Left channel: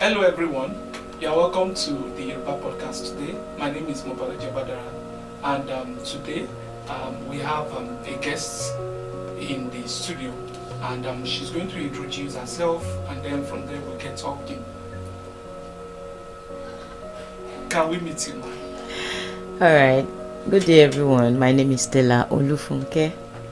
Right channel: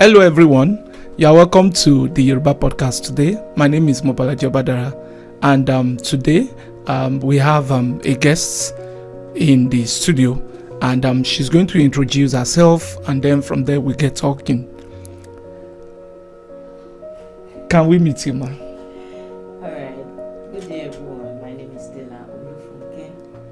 Hello everyone, you are welcome to the Yoruba podcast today. My name is Mobalaji Obadara, and today we have a guest in the studio, and she's going to introduce herself, and then from there we get talking. Can we meet you, ma? Alright, good day everyone. My name is Tela Funke.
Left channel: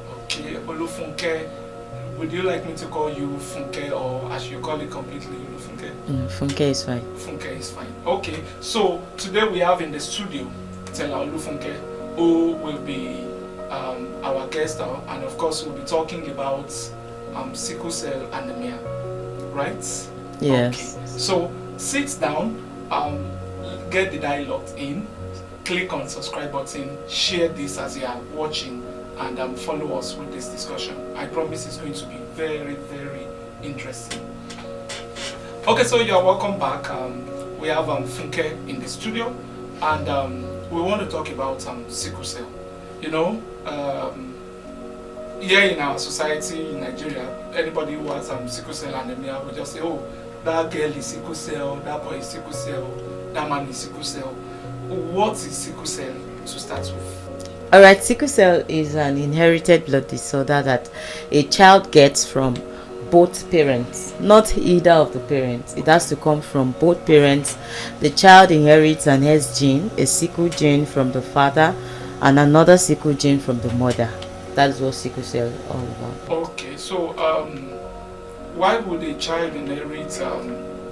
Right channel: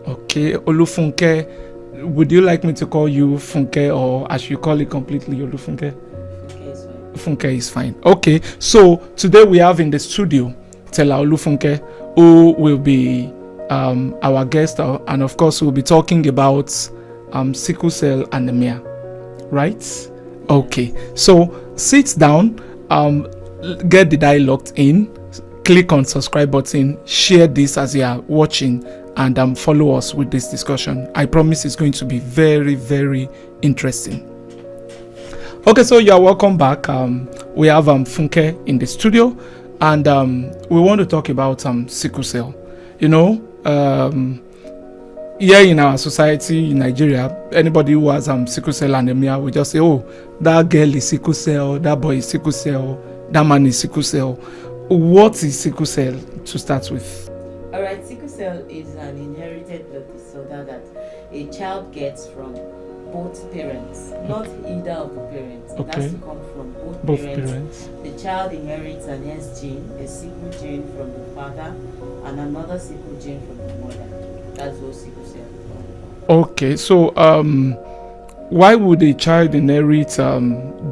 Okay, Olufunke. Would you like me to call you Funke, or I should call it completely Olufunke? Funke is fine. Funke is fine. Okay, so today we have in the studio Tela Olufunke, who will be our guest, and of course we'll be talking about sickle cell anemia, right? Yes. Okay, so sit down, get the dialogue in, click on subscribe button, share this as you are watching, and follow us with this discussion. I promise it's going to be very, very interesting. Okay, so you are welcome back. We have Funke in the studio, and we want to talk about sickle cell. You know, here in our society in Nigeria, anybody who has sickle cell anemia, we just say, oh, that girl is sickle cell, that boy is sickle cell, that man is sickle cell. What is sickle cell to start with? Alright, sickle cell is an inherited blood disorder that a child gets from both parents, not either of the parents. It has to come from both parents. The child inherits an S gene, a sickle gene from the father, and another sickle gene from the mother. That's what sickle cell is all about. Okay, so why would a child inherit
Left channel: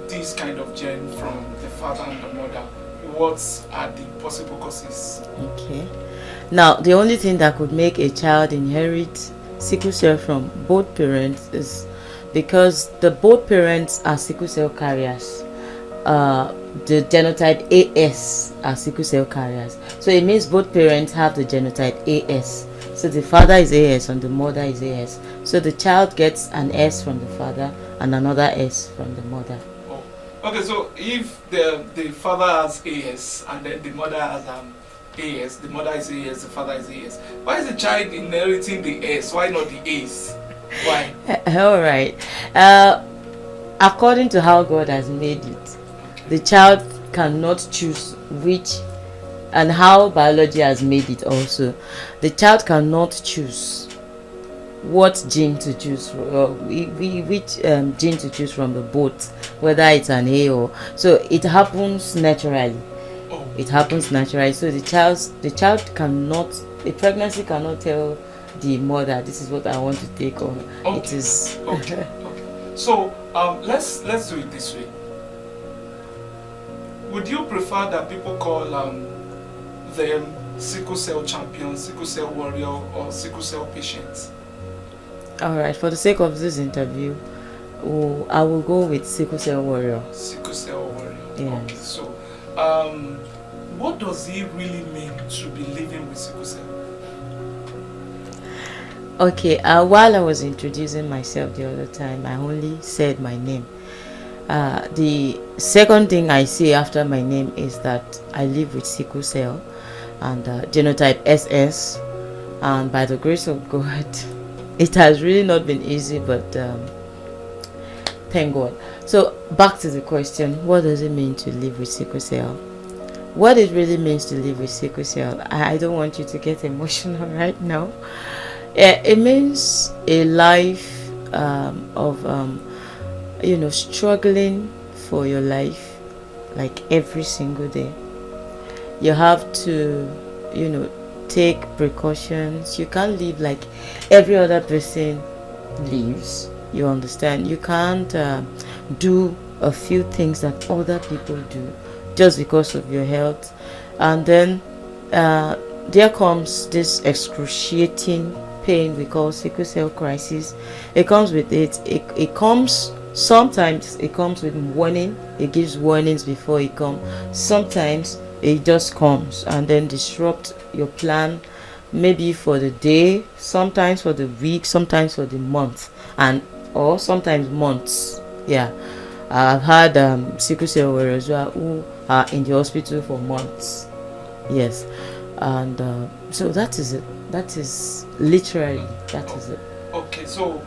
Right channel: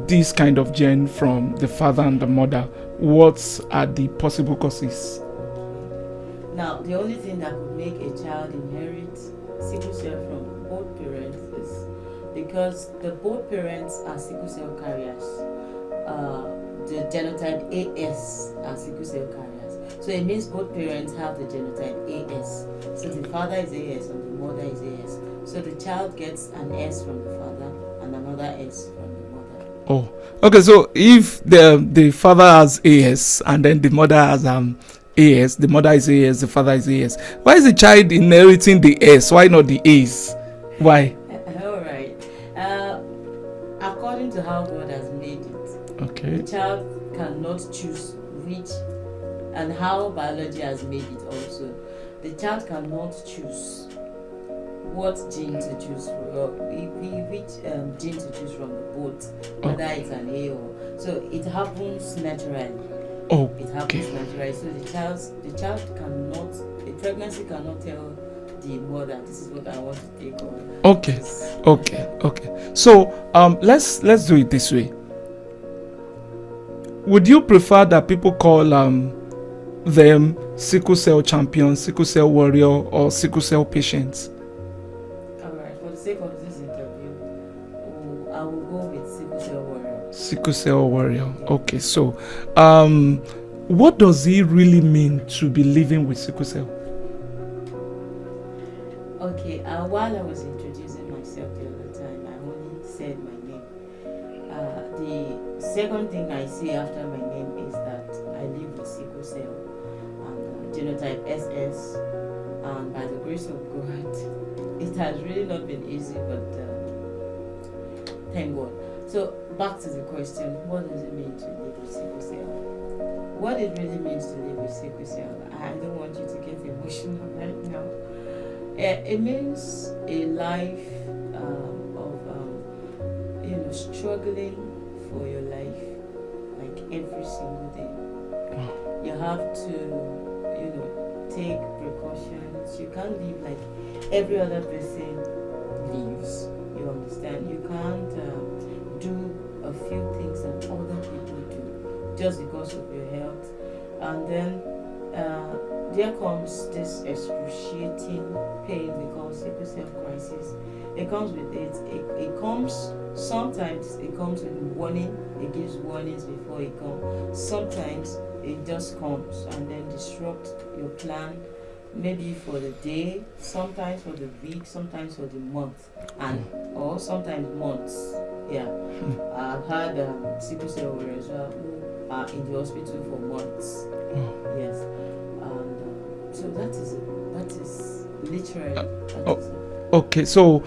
this kind of gene from the father and the mother? What are the possible causes? Okay. Now, the only thing that could make a child inherit sickle cell from both parents is because both parents are sickle cell carriers. The genotype AS are sickle cell carriers. So it means both parents have the genotype AS. So the father is AS and the mother is AS. So the child gets an S from the father and another S from the mother. Oh, okay. So if the father has AS and then the mother has AS, the mother is AS, the father is AS, why is the child inheriting the S? Why not the A's? Why? All right. According to how God has made it, the child cannot choose which, and how biology has made it also. The child cannot choose what gene to choose from, which gene to choose from the both, whether it's an A or so. It happens naturally. Oh, it happens naturally. So the child cannot, a pregnancy cannot tell the mother, this is what I want to take on. Okay. Okay. So let's do it this way. Would you prefer that people call them sickle cell champions, sickle cell warrior, or sickle cell patients? All right. For the sake of this interview, I will go with sickle cell warrior. Sickle cell warrior. Yes. Okay. So, what does it really mean to be living with sickle cell? Okay. While I was introducing myself the other time, I only said my name. The second thing I say after my name is that I live with sickle cell and genotype SS, and by the grace of God, it has really not been easy, but thank God. So back to the question, what does it mean to live with sickle cell? What it really means to live with sickle cell, I don't want you to get emotional right now. It means a life of struggling for your life, like every single day. You have to take precautions. You can't live like every other person lives. You understand? You can't do a few things that other people do just because of your health. And then there comes this excruciating pain we call sickle cell crisis. It comes with it. Sometimes it comes with warning. It gives warnings before it comes. Sometimes it just comes and then disrupt your plan, maybe for the day, sometimes for the week, sometimes for the month, or sometimes months. Yeah. I've had sickle cell warriors who are in the hospital for months. Yes. And so that is it. That is literally, that is it. Okay, so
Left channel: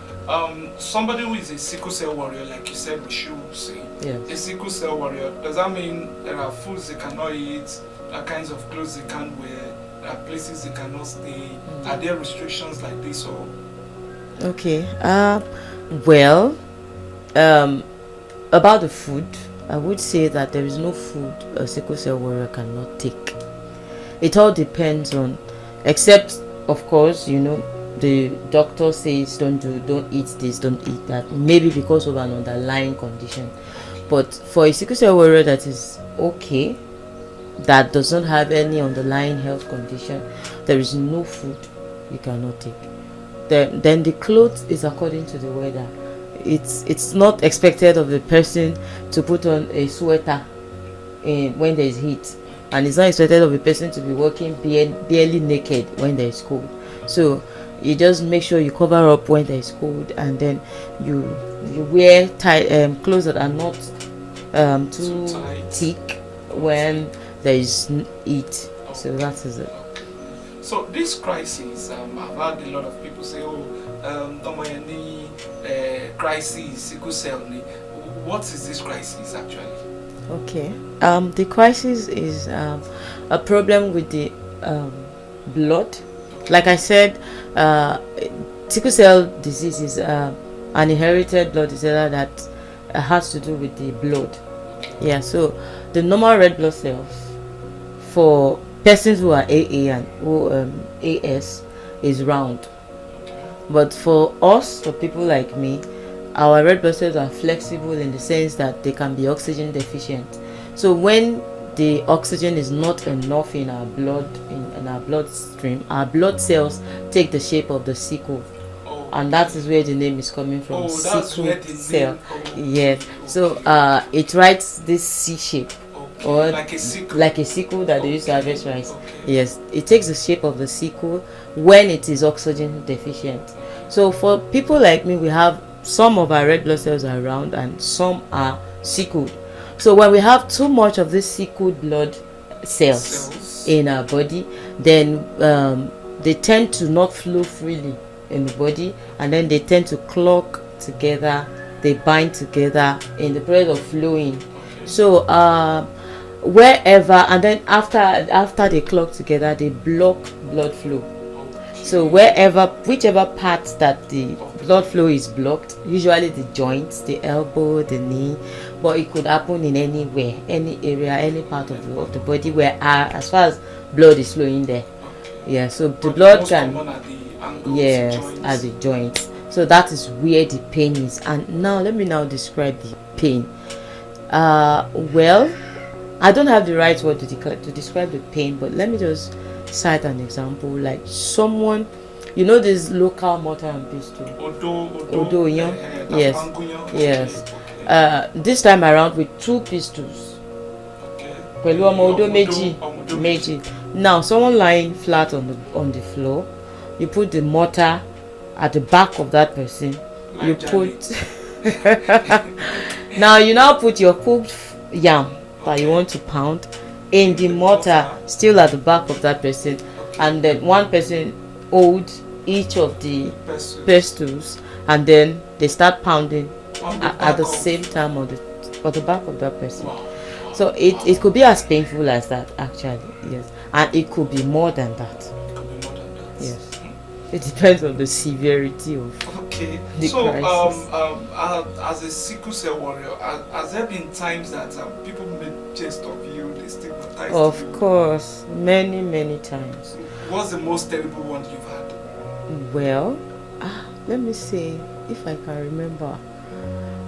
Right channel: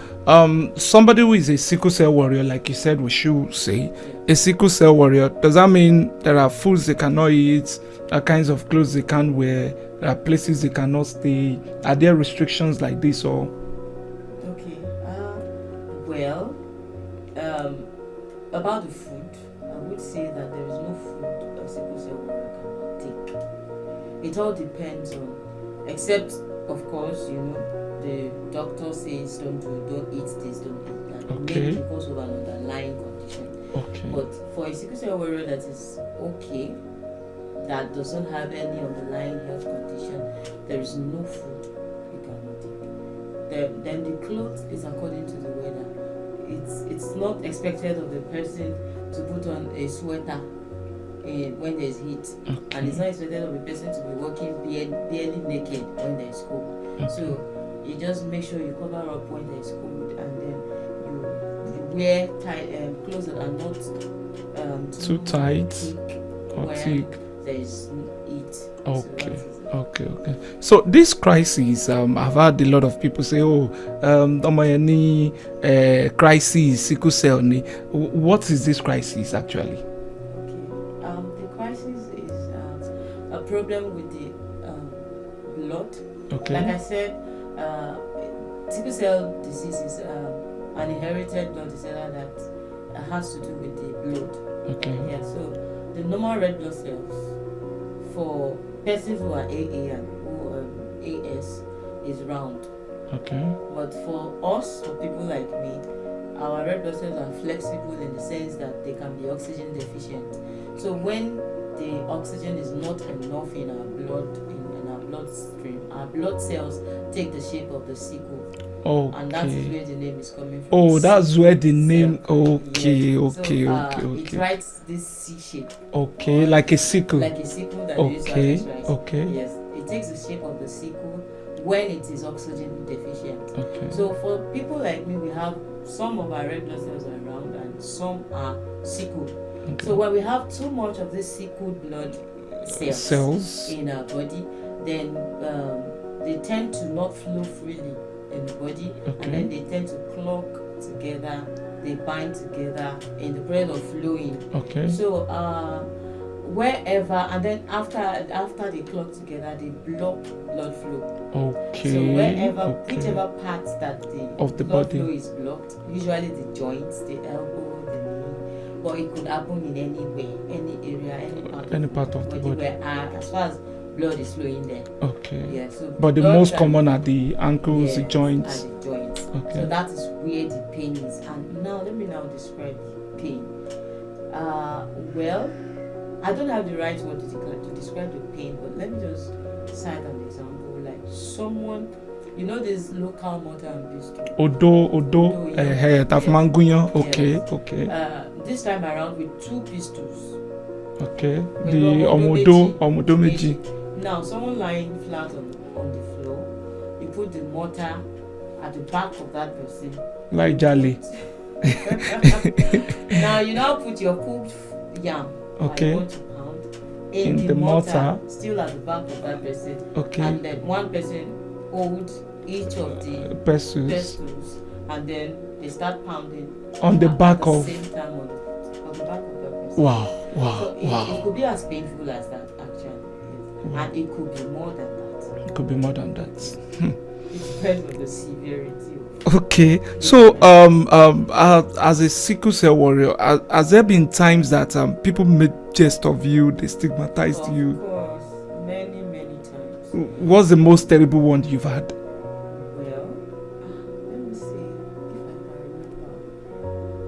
somebody who is a sickle cell warrior, like you said, we should say, Yes. a sickle cell warrior, does that mean there are foods they cannot eat, kinds of clothes they can't wear, there are places they cannot stay? Are there restrictions like this, or? Okay. Well, about the food, I would say that there is no food a sickle cell warrior cannot take. It all depends on, except of course, the doctor says don't eat this, don't eat that. Okay. Maybe because of an underlying condition. Okay. But for a sickle cell warrior that is okay, that does not have any underlying health condition, there is no food you cannot take. Then the clothes is according to the weather. It's not expected of the person to put on a sweater when there is heat, and it's not expected of a person to be walking barely naked when there is cold. So you just make sure you cover up when there is cold, and then you wear tight clothes that are not too tight, thick when there is heat. Okay. So that is it. Okay. So this crisis, I've had a lot of people say, any crisis, sickle cell. What is this crisis actually? Okay. The crisis is a problem with the blood. Okay. Like I said, sickle cell disease is an inherited blood disorder that has to do with the blood. Okay. Yeah. So the normal red blood cells for persons who are AA and who AS is round. Okay. But for us, for people like me, our red blood cells are flexible in the sense that they can be oxygen deficient. So when the oxygen is not enough in our blood, in our bloodstream, our blood cells take the shape of the sickle. Oh, and that is where the name is coming from. Oh, that's sickle where the name. cell. Okay. So okay. it writes this C shape. Okay. Like a sickle. Like a sickle that they use to harvest rice. Okay. Yes, it takes the shape of the sickle when it is oxygen deficient. Okay. So for people like me, we have some of our red blood cells are round and some are sickled. So when we have too much of this sickled blood cells in our body, then they tend to not flow freely in the body, and then they tend to clog together, they bind together in the process of flowing. Okay. So wherever, and then after they clog together, they block blood flow. Okay. So whichever parts that the blood flow is blocked, usually the joints, the elbow, the knee, but it could happen in anywhere, any area, any part of the body where as far as blood is flowing there. Okay. Yeah. So but the most common are the ankles, yes, joints. At the joints. Okay. So that is where the pain is. And now let me describe the pain. Well, I don't have the right word to describe the pain, but let me just cite an example. Like someone, this local mortar and pestle. Odo, yeah. Yes. Okay. Yes. Okay. This time around with 2 pistols. Okay. Omodo meji. Now, someone lying flat on the floor, you put the mortar at the back of that person. Like Jolly. Now you put your cooked yam that you want to pound in the mortar, still at the back of that person. Okay. And then one person hold each of the pestles, and then they start pounding on the back at the same time on the back of that person. Wow. So it could be as painful as that, actually. Yes. And it could be more than that. It could be more than that. Yes. It depends on the severity of. Okay. So as a sickle cell warrior, has there been times that people made jest of you, they stigmatized you? Of course, many times. What's the most terrible one you've had? Well, let me see if I can remember.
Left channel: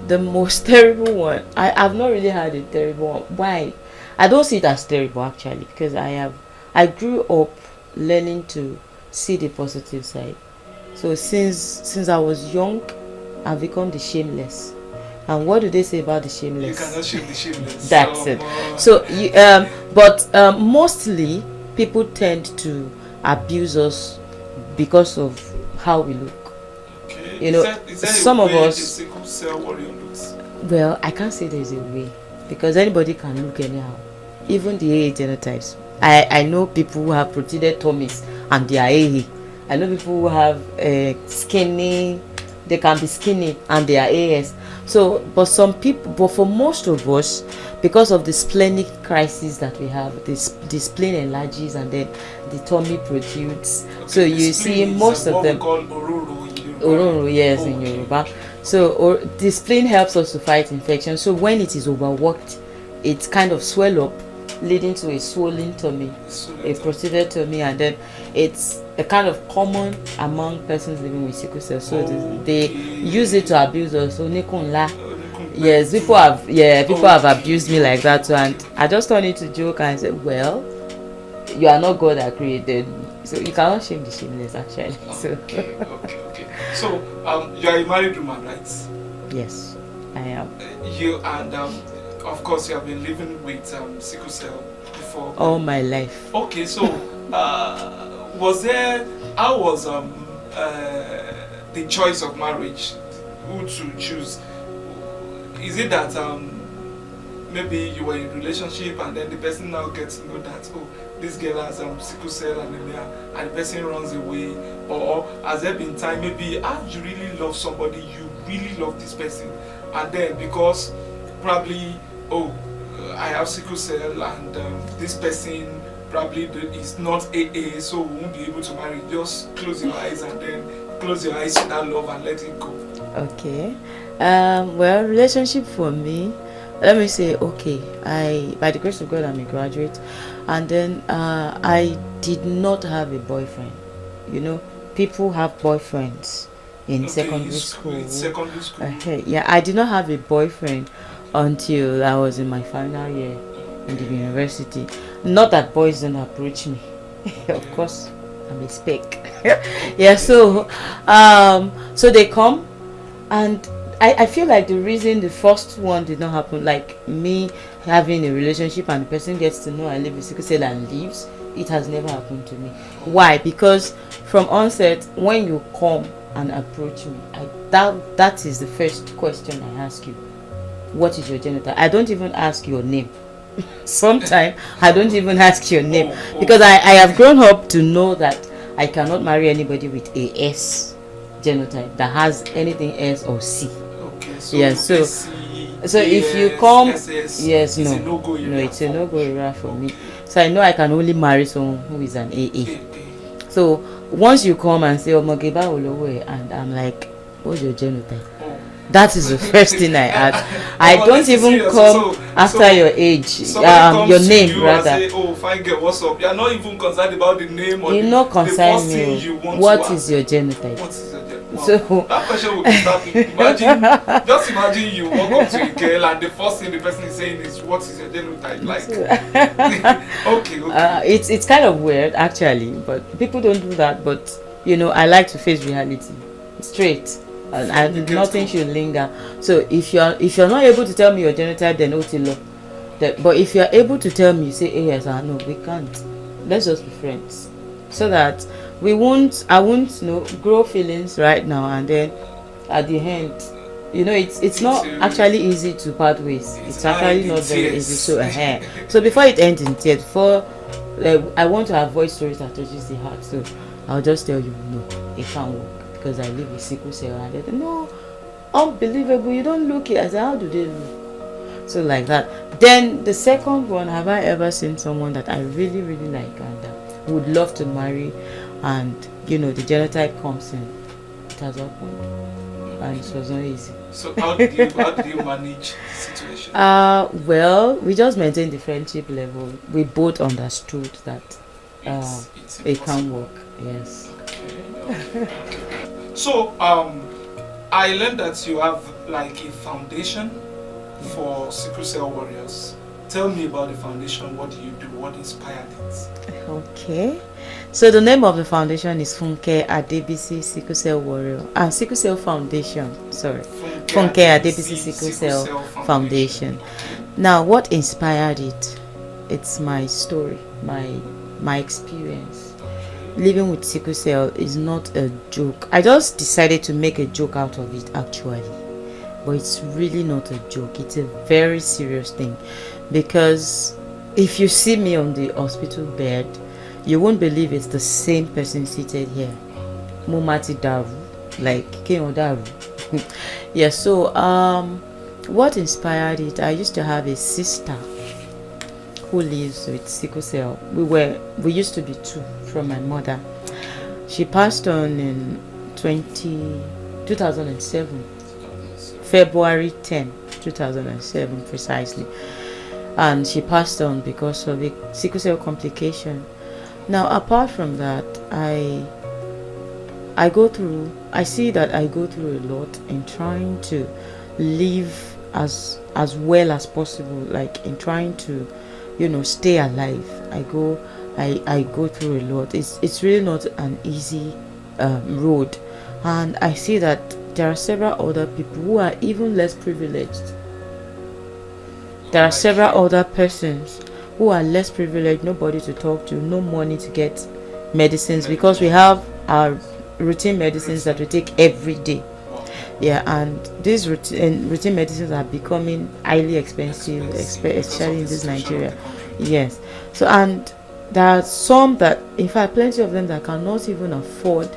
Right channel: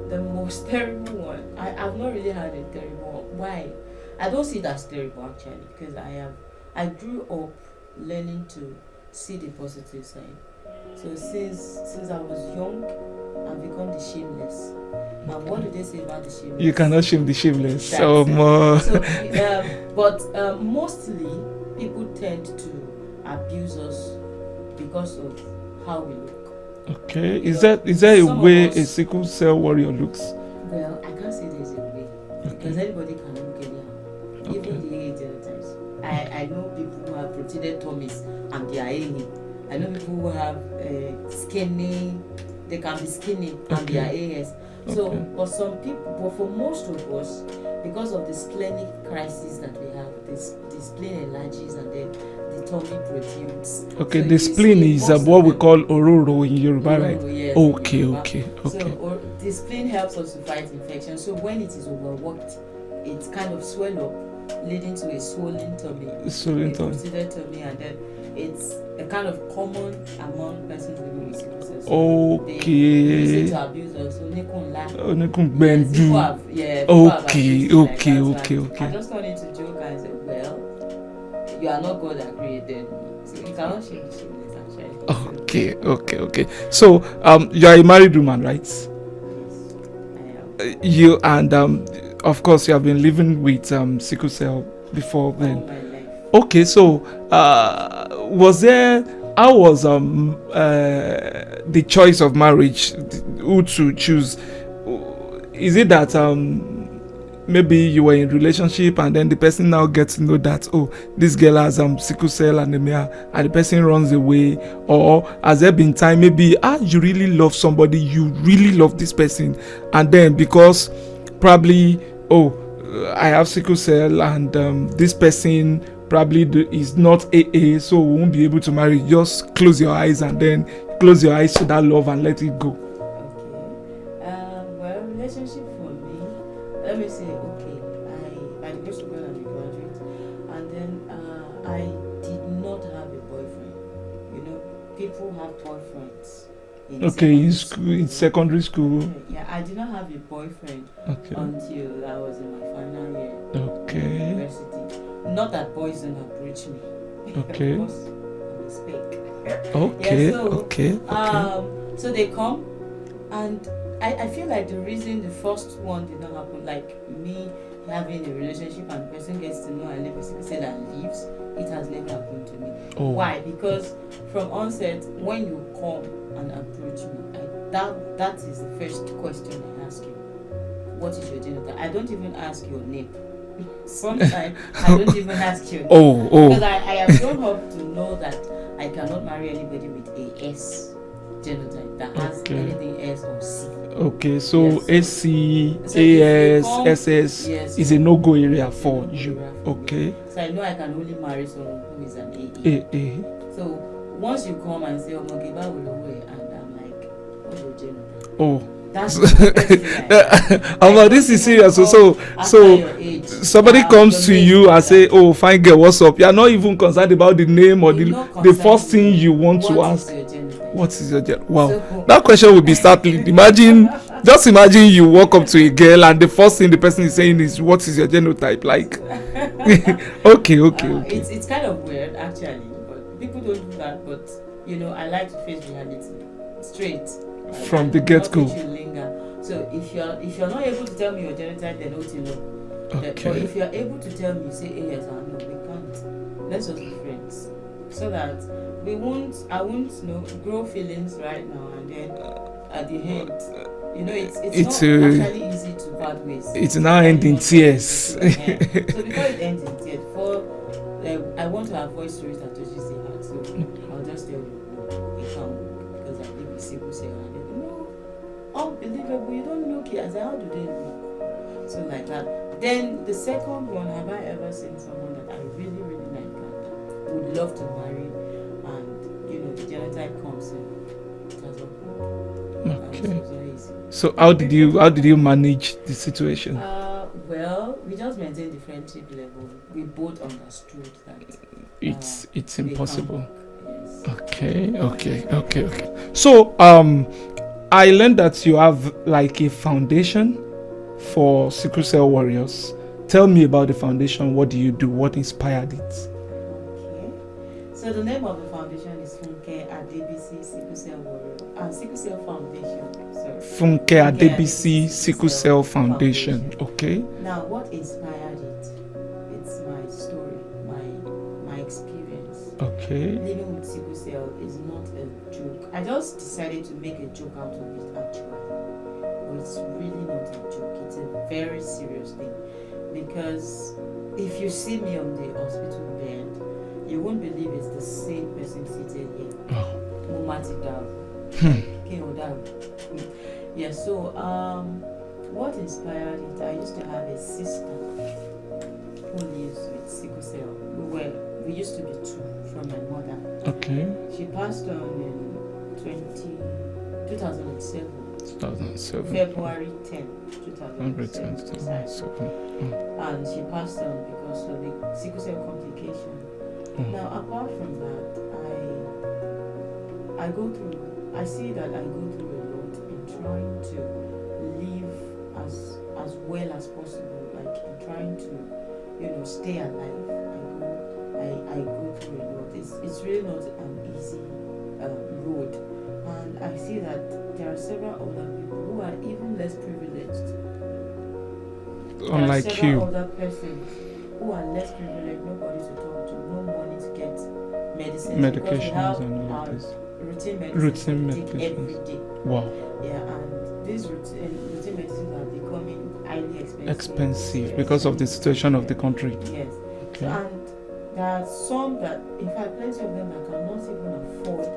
The most terrible one. I've not really had a terrible one. Why? I don't see it as terrible, actually, because I grew up learning to see the positive side. So since I was young, I've become the shameless. And what do they say about the shameless? You cannot shame the shameless. That's it. So but mostly people tend to abuse us because of how we look. Okay. Is there a way a sickle cell warrior looks? Well, I can't say there's a way, because anybody can look anyhow. Even the AA genotypes. I know people who have protruded tummies and they are AA. I know people who have skinny they can be skinny and they are AS. So, but some people, but for most of us, because of the splenic crisis that we have, the spleen enlarges and then the tummy protrudes. Okay, so the you spleen see is most what of we them, call ororo in Yoruba. Ororo, yes, in Okay, Yoruba. okay. So the spleen helps us to fight infection. So when it is overworked, it kind of swell up, leading to a swollen tummy, a protruded tummy, and then it's a kind of common among persons living with sickle cell. So they use it to abuse us. So yes, people have abused me like that. And I just turned it to joke and said, well, you are not God that created me, so you cannot shame the shameless, actually. Okay. So you are a married woman, right? Yes, I am. You and of course you have been living with sickle cell before. All my life. Okay, so how was the choice of marriage, who to choose? Is it that maybe you were in a relationship and then the person now gets to know that, oh, this girl has sickle cell anemia, and the person runs away? Or has there been time maybe you really love somebody, you really love this person, and then because probably, oh, I have sickle cell and this person probably is not AA, so we won't be able to marry, just close your eyes and then close your eyes to that love and let it go? Okay. Well, relationship for me, let me say, okay, by the grace of God, I'm a graduate, and then I did not have a boyfriend. You know, people have boyfriends in secondary school. In secondary school. Okay, yeah, I did not have a boyfriend until I was in my final year in university. Not that boys don't approach me. Of course, I'm a spec. Yeah, so so they come, and I feel like the reason the first one did not happen, like me having a relationship and the person gets to know I live with sickle cell and leaves, it has never happened to me. Why? Because from onset, when you come and approach me, that is the first question I ask you. What is your genotype? I don't even ask your name. Sometimes I don't even ask your name because I have grown up to know that I cannot marry anybody with a S genotype that has anything S or C. Okay, so SC, so AS, if you come, SS is a no-go area. It's a no-go area for me. So I know I can only marry someone who is an AA. So once you come and say, and I'm like, what's your genotype? That is the first thing I ask. I don't even come after your age. Somebody comes to you and say, oh, fine girl, what's up? You're not even concerned about the name or the first thing you want to ask. What is your genotype? What is your genotype? Wow. So, that question will be startling. Just imagine you walk up to a girl and the first thing the person is saying is, what is your genotype? Like, okay. It's kind of weird, actually, but people don't do that. But, you know, I like to face reality straight. And nothing should linger. So if you're not able to tell me your genotype, then Otilo. But if you're able to tell me, say yes or no, we can't. Let's just be friends, so that I won't grow feelings right now and then at the end, it's not actually easy to part ways. It's not ending tears. So before it ends in tears, I want to avoid stories that touches the heart. So I'll just tell you, no, it can't work. Because I live with sickle cell, and they say, no, unbelievable, you don't look it. I said, how do they look? So like that. Then the second one, have I ever seen someone that I really, really like and would love to marry, and the genotype comes in? It has happened, and it was not easy. So how did you manage the situation? Well, we just maintained the friendship level. We both understood that it's they impossible. can't work. Yes. Okay. So I learned that you have like a foundation for sickle cell warriors. Tell me about the foundation. What do you do? What inspired it? Okay. So the name of the foundation is Funke Adebisi Sickle Cell Warrior. Sickle Cell Foundation. Sorry. Funke Adebisi Sickle Cell Foundation. Okay. Now, what inspired it? It's my story, my experience. Okay. Living with sickle cell is not a joke. I just decided to make a joke out of it, actually, but it's really not a joke. It's a very serious thing, because if you see me on the hospital bed, you won't believe it's the same person seated here. Mumati Daru. like came on. Yes. So what inspired it? I used to have a sister who lives with sickle cell. We used to be two from my mother. Okay. She passed on in 2007. 2007. February 10, 2007 precisely. And she passed on because of a sickle cell complication. Now, apart from that, I see that I go through a lot in trying to live as well as possible, like in trying to, stay alive. I go through a lot. It's really not an easy road, and I see that there are several other people who are even less privileged. There are several other persons who are less privileged, nobody to talk to, no money to get medicines, because we have our routine medicines that we take every day. Wow. Yeah, and these routine medicines are becoming highly expensive because of the situation of the country. Yes. So, and there are some that, in fact, plenty of them that cannot even afford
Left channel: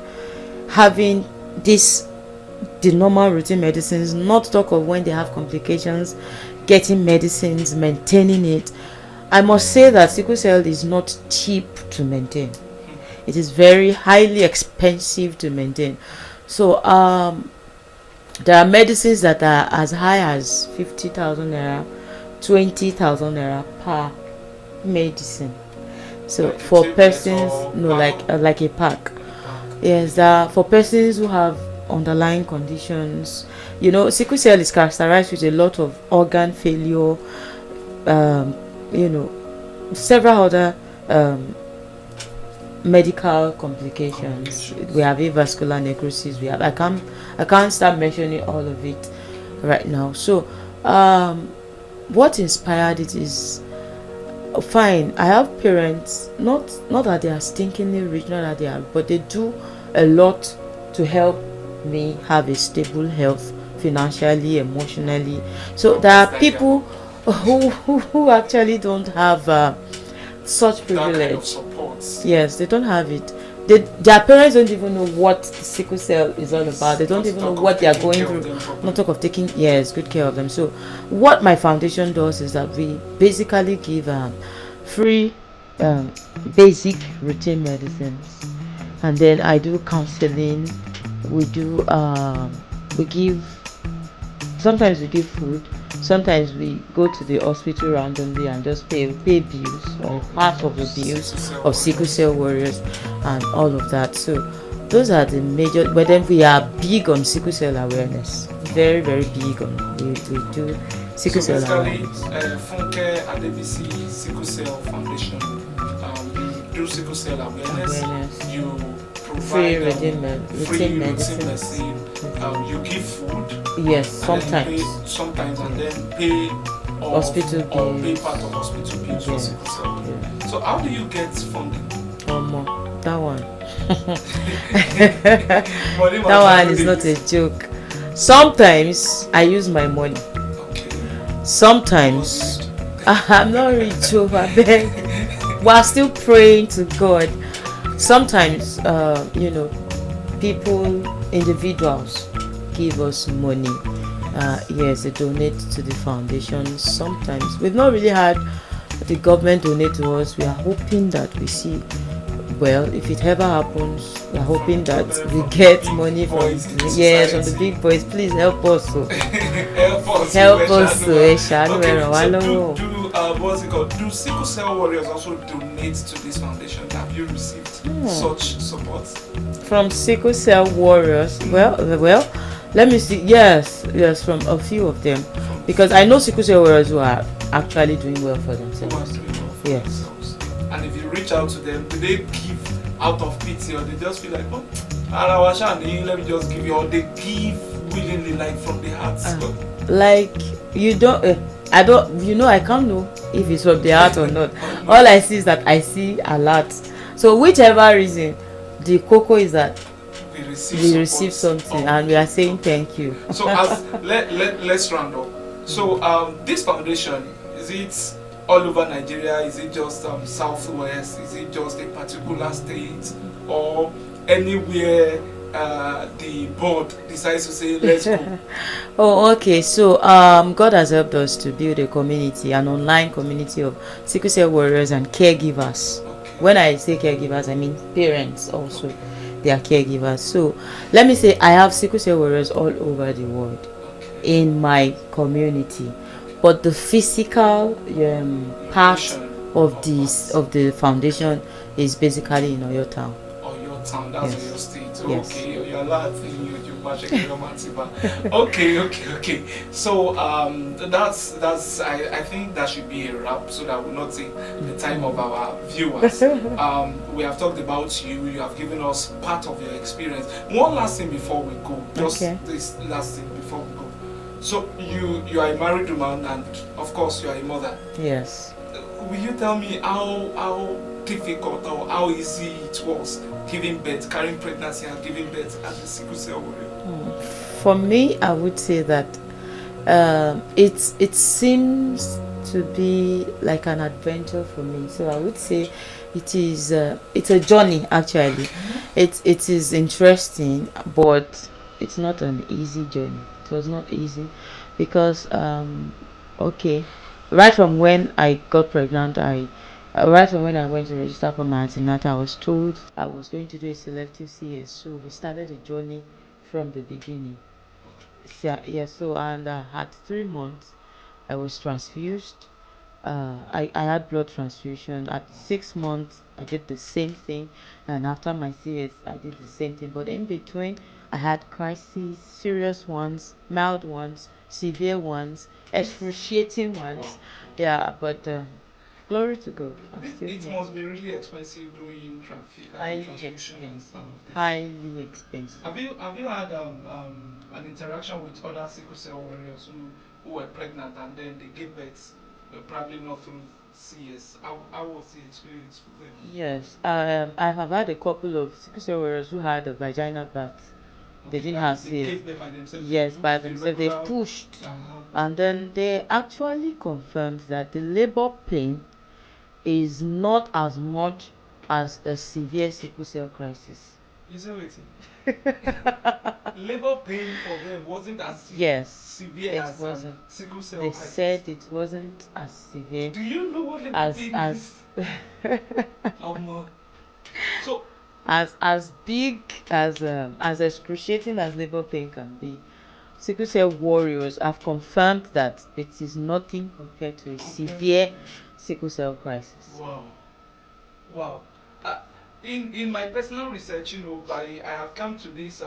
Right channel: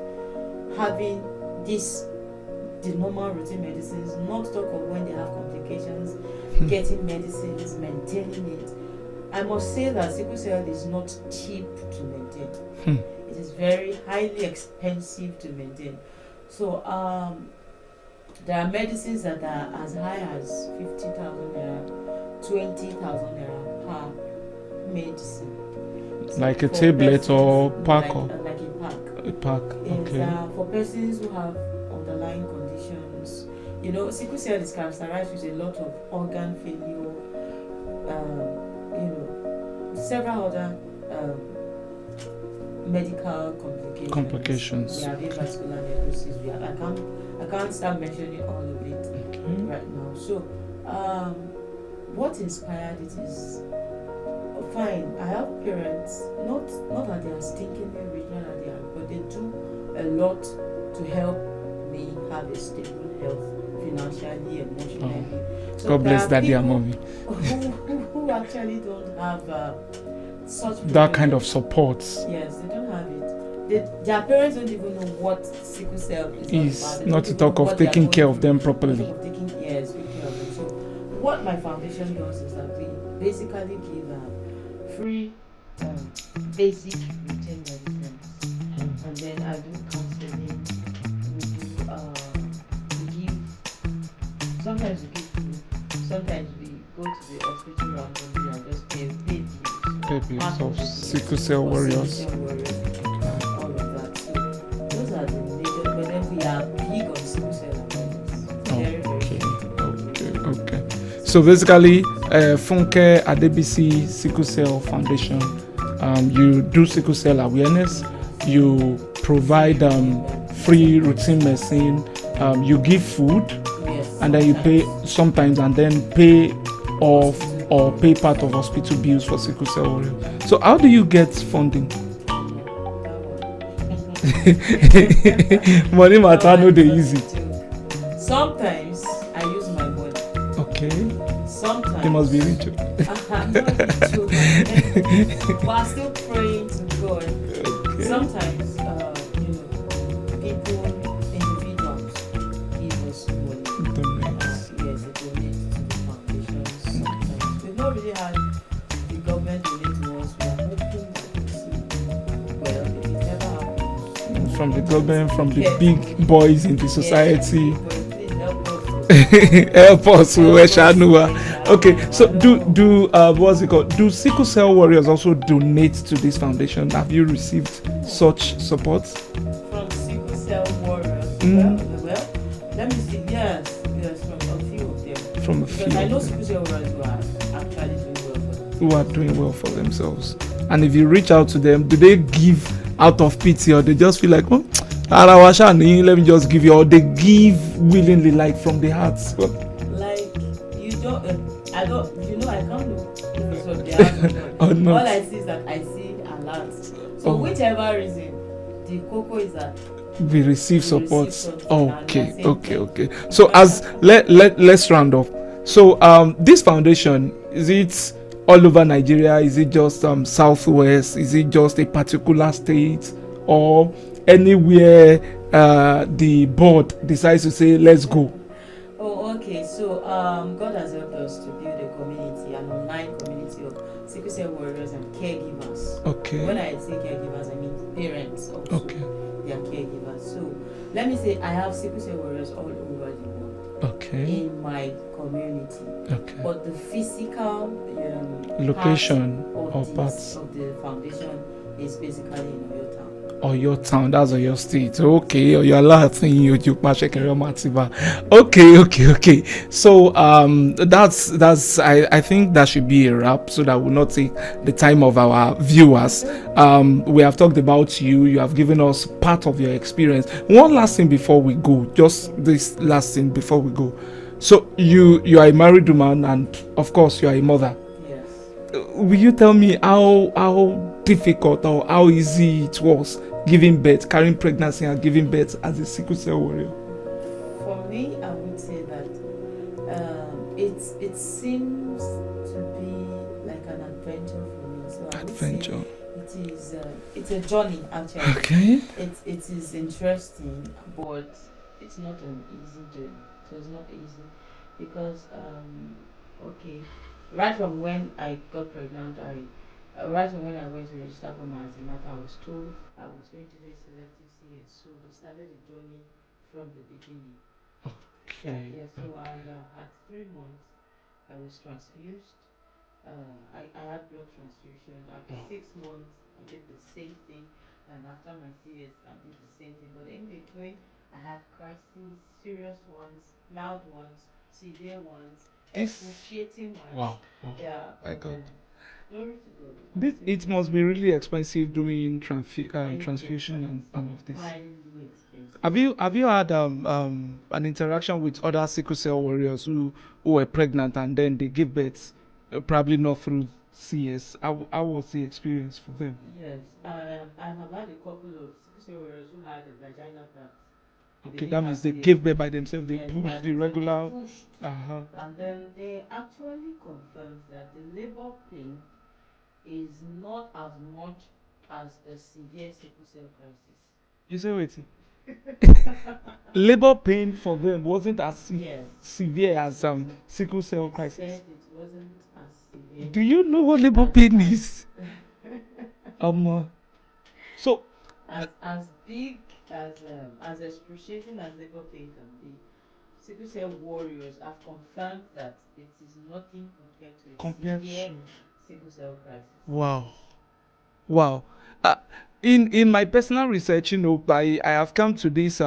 having the normal routine medicines, not talk of when they have complications, getting medicines, maintaining it. I must say that sickle cell is not cheap to maintain. It is very highly expensive to maintain. So there are medicines that are as high as 50,000 naira, 20,000 naira per medicine. So like for persons, like a pack. A pack. Yes, for persons who have underlying conditions, sickle cell is characterized with a lot of organ failure, several other medical complications. We have avascular necrosis. We have I can't start mentioning all of it right now. So what inspired it is fine. I have parents, not that they are stinkingly rich, not that they are, but they do a lot to help me have a stable health financially, emotionally. So there are people who actually don't have such privilege. That kind of support. Yes, they don't have it. Their parents don't even know what sickle cell is all about. They don't even know what they are going through. Not talk of taking good care of them. So what my foundation does is that we basically give free basic routine medicines, and then I do counseling. We give, sometimes we give food, sometimes we go to the hospital randomly and just pay bills, or part of the bills of sickle cell warriors and all of that. So those are the major, but then we are big on sickle cell awareness, very, very big on we do. So basically, Funke Adebisi Sickle Cell Foundation, you do sickle cell awareness. You provide free routine medicine. You give food. Yes, and then you pay sometimes, and then pay off or pay part of hospital bills for sickle cell. So how do you get funding? That one. Money that one is not a joke. Sometimes I use my money. Okay. Sometimes I'm not rich over there. We're still praying to God. Sometimes, people, individuals, give us money. Yes, they donate to the foundation. Sometimes we've not really had the government donate to us. We are hoping that we see. Well, if it ever happens, we are hoping that we get money from boys in the society. From the big boys. Please help us. Help us. Okay, so do what's it called? Do sickle cell warriors also donate to this foundation? Have you received such support from sickle cell warriors? Well, let me see. Yes, from a few of them. Because I know sickle cell warriors who are actually doing well for themselves. Who are doing well for themselves. And if you reach out to them, do they give out of pity, or they just feel like, let me just give you, or they give willingly, like from the heart? Like you don't, I can't know if it's from the heart or not. All I see is that I see a lot. So whichever reason, the cocoa is that we receive something, and we are saying thank you. So as let's round off. So this foundation, is it all over Nigeria? Is it just southwest? Is it just a particular state, or anywhere the board decides to say let's go? Oh, okay. So, God has helped us to build a community, an online community of sickle cell warriors and caregivers. Okay. When I say caregivers, I mean parents also. Okay. They are caregivers. So, let me say I have sickle cell warriors all over the world Okay. in my community. Okay. But the physical part Location of of this parts. of the foundation is basically in Oyo town. Or your town, that's Yes. your state. Yes. Okay, or your Latin, you okay. So that's I think that should be a wrap so that will not take the time of our viewers. We have talked about you have given us part of your experience. One last thing before we go, just Okay. this last thing before we go. So you are a married woman and of course you are a mother. Yes. Will you tell me how difficult or how easy it was giving birth, carrying pregnancy and giving birth as a sickle cell warrior? For me, I would say that it seems to be like an adventure for me. So I would say it's a journey actually. Okay. It is interesting, but it's not an easy journey. It was not easy because okay, right from when I got pregnant, right from when I went to register for my antenatal, I was told I was going to do a selective CS. So we started the journey from the beginning. Yeah. So and at 3 months, I was transfused. I had blood transfusion. At 6 months, I did the same thing, and after my CS, I did the same thing. But in between, I had crises, serious ones, mild ones, severe ones, excruciating ones. Wow. Yeah, but glory to God. It must be really expensive doing transfusion and expensive. some of this. Highly expensive. Have you had an interaction with other sickle cell warriors who were pregnant and then they give birth, probably not through CS? How was the experience for them? Yes, I have had a couple of sickle cell warriors who had a vaginal birth. They Okay, didn't that have means they CS. gave birth by themselves. Yes, They by pushed the themselves. They regular. pushed. Uh-huh. And then they actually confirmed that the labor pain is not as much as a severe sickle cell crisis. You say waiting. Labor pain for them wasn't as Yes, severe it as wasn't. sickle cell They crisis. said it wasn't as severe Do you know what labor as pain as is? So as big as excruciating as labor pain can be. Sickle cell warriors have confirmed that it is nothing compared to a severe sickle cell crisis. wow. Wow. Uh, in my personal research, I have come to this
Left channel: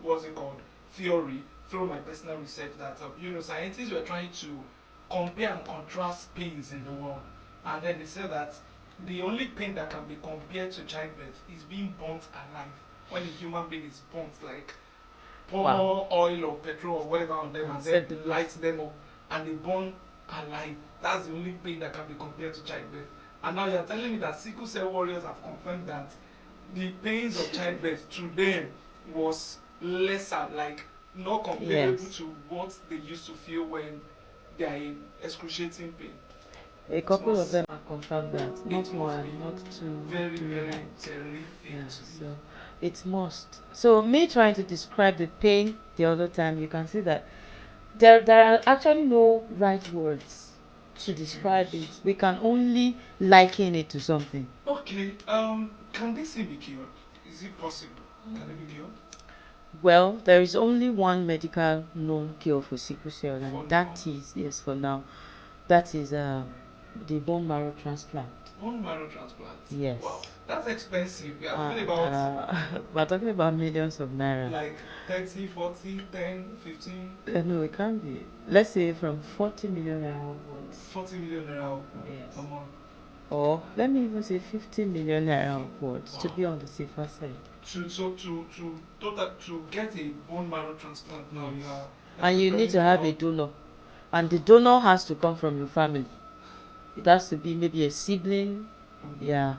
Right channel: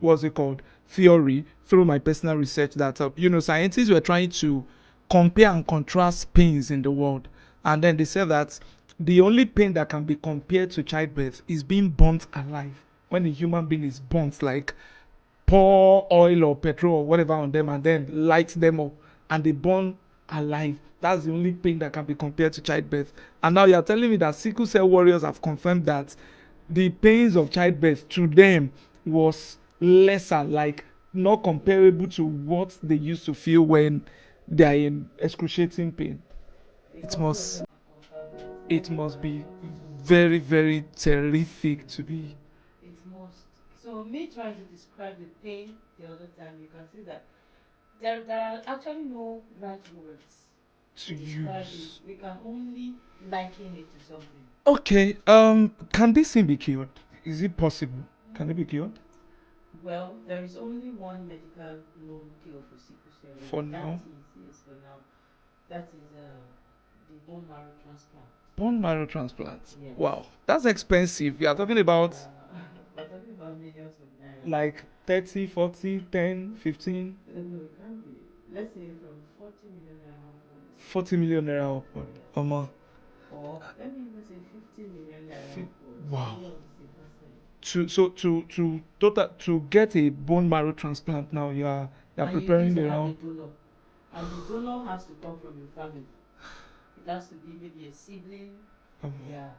what's it called, theory through my personal research that scientists were trying to compare and contrast pains in the world, and then they said that the only pain that can be compared to childbirth is being burnt alive. When a human being is burnt, like pour oil or petrol or whatever on them and then light them up and they burn alive. That's the only pain that can be compared to childbirth. And now you're telling me that sickle cell warriors have confirmed that the pains of childbirth to them was lesser, like not comparable to what they used to feel when they are in excruciating pain. A It couple of must them have confirmed that. it Not must one, be not two, very, not three. very terrific Yes, to be. so it must. So me trying to describe the pain the other time, you can see that there are actually no right words to describe it. We can only liken it to something. Okay, can this thing be cured? Is it possible? Can it be cured? Well, there is only one medical known cure for sickle cell, For and now? that is, yes, for now, that is the bone marrow transplant. Bone marrow transplant. Yes. Wow, that's expensive. You are talking about we're talking about millions of naira. like 30, 40, 10, 15, No, it can't be. Let's say from 40 million naira upwards. 40 million naira upward Yes. a month. Or let me even say 50 million naira upwards to Wow. be on the safer side. To get a bone marrow transplant now, Yes. you're And you need preparing to the have a house. donor. And the donor has to come from your family. It has to be maybe a sibling, yeah,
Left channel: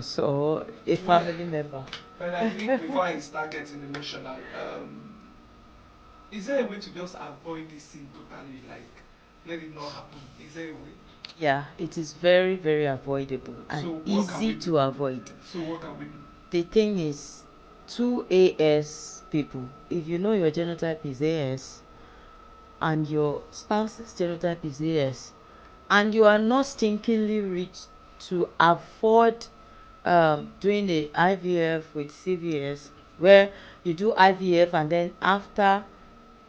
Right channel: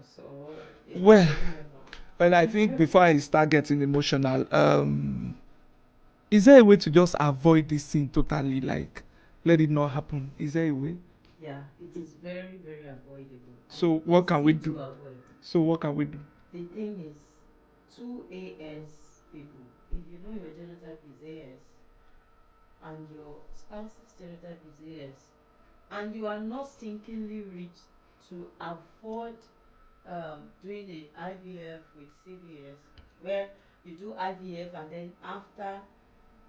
so a Well, family member. but I think before I start getting emotional, is there a way to just avoid this thing totally, like let it not happen? Is there a way? Yeah, it is very, very avoidable and So what can we easy do? to avoid. So what can we do? The thing is, two AS people, if you know your genotype is AS and your spouse's genotype is AS, and you are not stinkingly rich to afford doing the IVF with CVS, where you do IVF and then after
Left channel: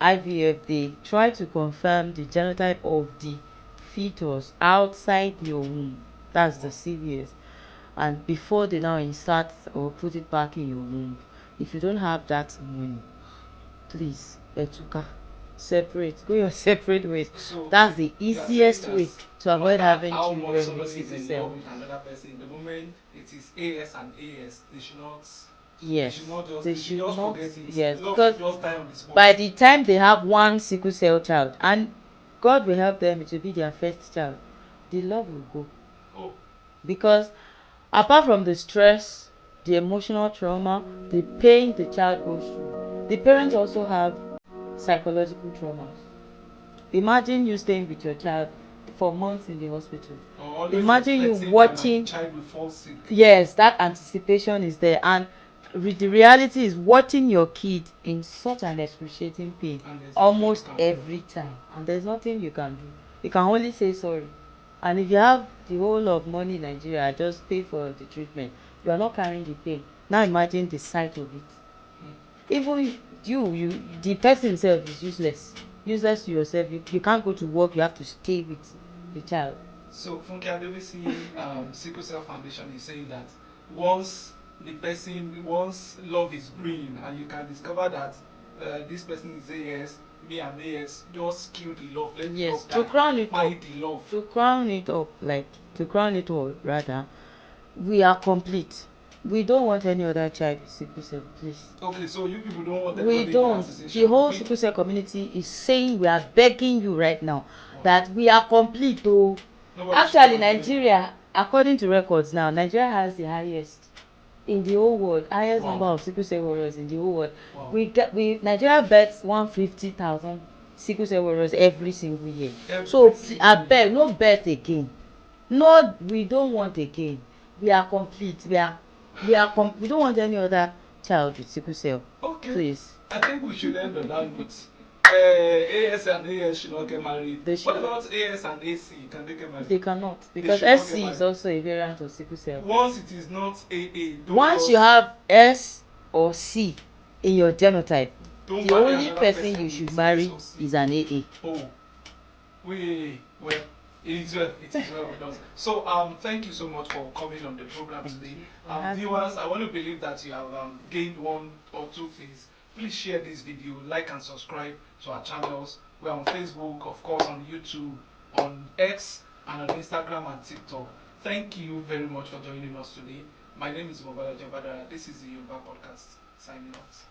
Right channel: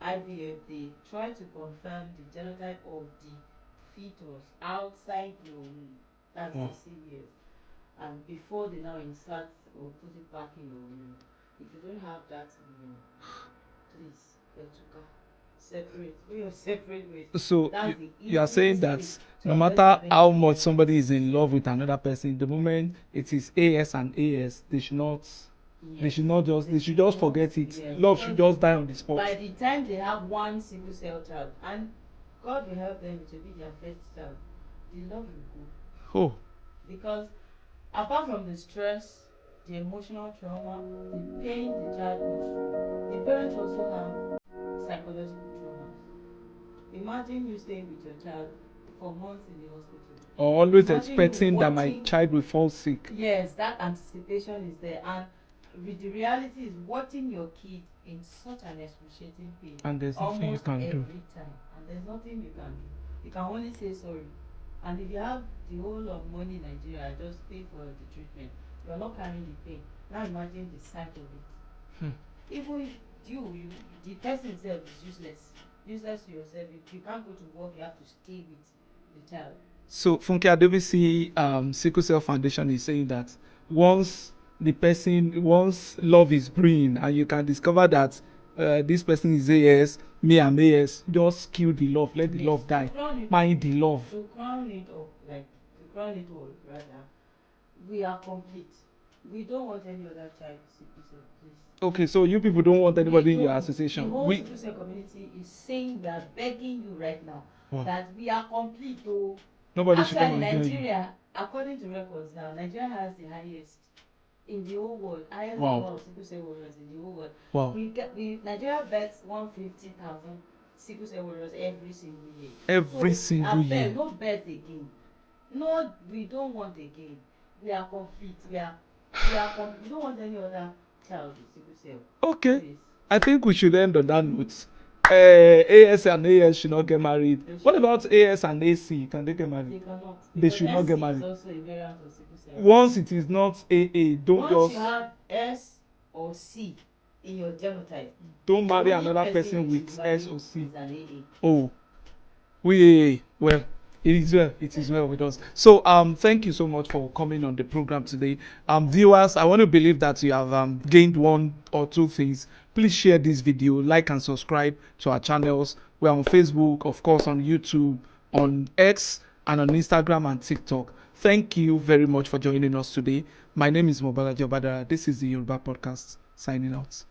IVF they try to confirm the genotype of the fetus outside your womb. That's the CVS. And before they now insert or put it back in your womb, if you don't have that money, please, etuka, separate, go your separate ways. So That's the you are saying easiest that way to no avoid matter having how children much with somebody is sickle in cell. love with another person, the moment it is AS and AS, they should not. Yes, They should not just. They should just not, forget it. yes, Love should because just die on the spot. by the time they have one sickle cell child, and God will help them, it will be their first child, the love will go. Oh, Because apart from the stress, the emotional trauma, the pain the child goes through, the parents also have psychological traumas. Imagine you staying with your child for months in the hospital. or always Imagine you expecting that my watching. child will fall sick. Yes, that anticipation is there, and the reality is watching your kid in such an excruciating pain And there's almost nothing you can every time, and there's nothing you can do. You can only say sorry. And if you have the whole of money in Nigeria, just pay for the treatment. You are not carrying the pain. Now imagine the sight of it. Even if the person himself is useless to yourself. You can't go to work. You have to stay with the child. So Funke Adebisi Sickle Cell Foundation is saying that once love is brewing and you can discover that this person is AS, me am AS, just kill the love, let the love die. To crown it Mind up, the love. to crown it all, rather, we are complete. We don't want any other child with sickle cell, please. Okay, so you people don't want anybody in your association. The whole sickle cell community is saying, we are begging you right now that we are complete. Oh, actually, Nigeria, according to records now, Nigeria has the highest in the whole world, highest number of sickle cell warriors in the whole world. Wow. Nigeria bets 150,000 sickle cell warriors every single year. I beg, no bet again. No, we don't want again. We are complete. We don't want any other child with sickle cell. Okay. Please. I think we should end on that note. AS and AS should not get married. What about AS and AC? Can they get married? They cannot, because SC is also a variant of sickle cell. Once it is not AA, once you have S or C in your genotype, don't the marry only another person you with should marry S or C. is an AA. Oh, well, it is well with us. So thank you so much for coming on the program today. Viewers, I want to believe that you have gained one or two things. Please share this video, like and subscribe to our channels. We're on Facebook, of course, on YouTube, on X, and on Instagram and TikTok. Thank you very much for joining us today. My name is Mobala Jobadara. This is the Yoruba Podcast. Signing out.